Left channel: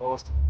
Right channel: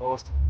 పొగొస్తుంది.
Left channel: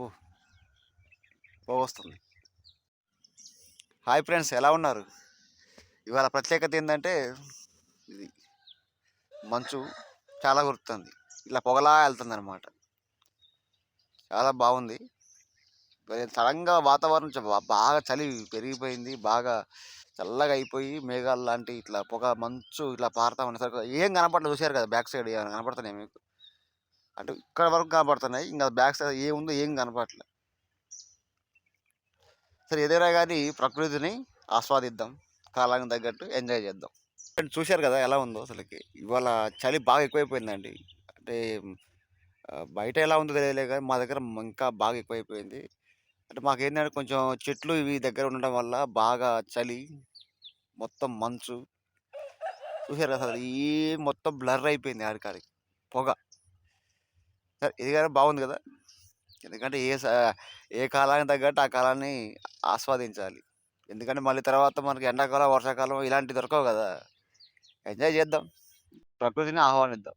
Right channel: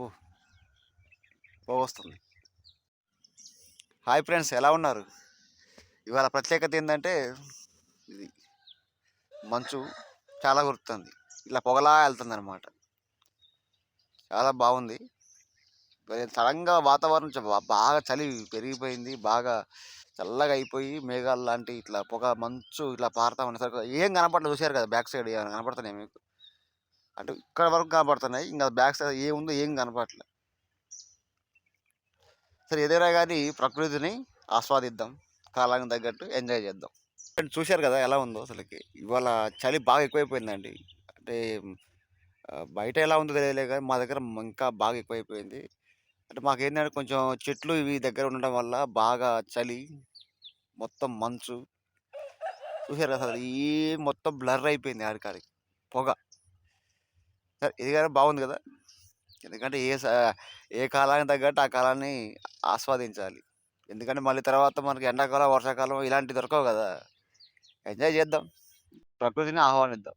ఓ పొగొస్తుంది. Hi friends, ఎలా ఉన్నారు? ఇవాళ ప్రత్యేకత ఏంటంటే ఇది మంచు చాలా కురుతుంది. ఇలా పొగలా వెళ్తుంది అనమాట. చాలా బాగుంది. సడన్గా వాతావరణం బాగా చలి పెరిగిపోయింది. బాగా చల్లగా అయిపోయి మేఘాలు లాంటి ఇట్లా పొగ మంచు ఇట్లా పారుతా ఉండేసరికి ఏం కనపడలేదు. చూశారు కదా, బ్యాక్ సైడ్ ఏమైనా కనపడుతున్నాయి మీకు? అంటే ఇక్కడ వరకు కనపడుతున్నాయి, ఇంకా బ్యాక్ సైడ్ ఏముందో ఏం కనపడట్లేదు. సరే, ఏదైనా కానీ ప్రకృతిని ఆస్వాదిద్దాం, కాలానికి తగ్గట్టు ఎంజాయ్ చేద్దాం. చూశారు కదా ఎలా ఉందో అసలుకి. ఇవాళ చలి బాగా ఎక్కువైపోయిందండి. అంటే బయట ఎలా ఉందో తెలియలే కానీ మా దగ్గర ఇంకా బాగా ఎక్కువైపోయింది. అంటే మాకేంటంటే కొంచెం చెట్లు ఇవి దగ్గర ఉండడం వల్ల బాగా చలి, మొత్తం మంచు. చూశారు కదా అసలు ఈ మొత్తం బ్లర్ అయిపోయింది ఆడికాడికి పొగ. సరే, ఇది కానీ బాగుంది కదా. ఎందుకంటే ఏ కాలానికి తగ్గట్టు ఆ కాలాన్ని ఆస్వాదించాలి. ఎందుకంటే మళ్ళీ తర్వాత మనకి ఎండాకాలం, వర్షాకాలం ఇలాంటివి దొరకవు కదా. ఎంజాయ్ చేద్దాం, ప్రకృతిని ఆహ్వానిద్దాం.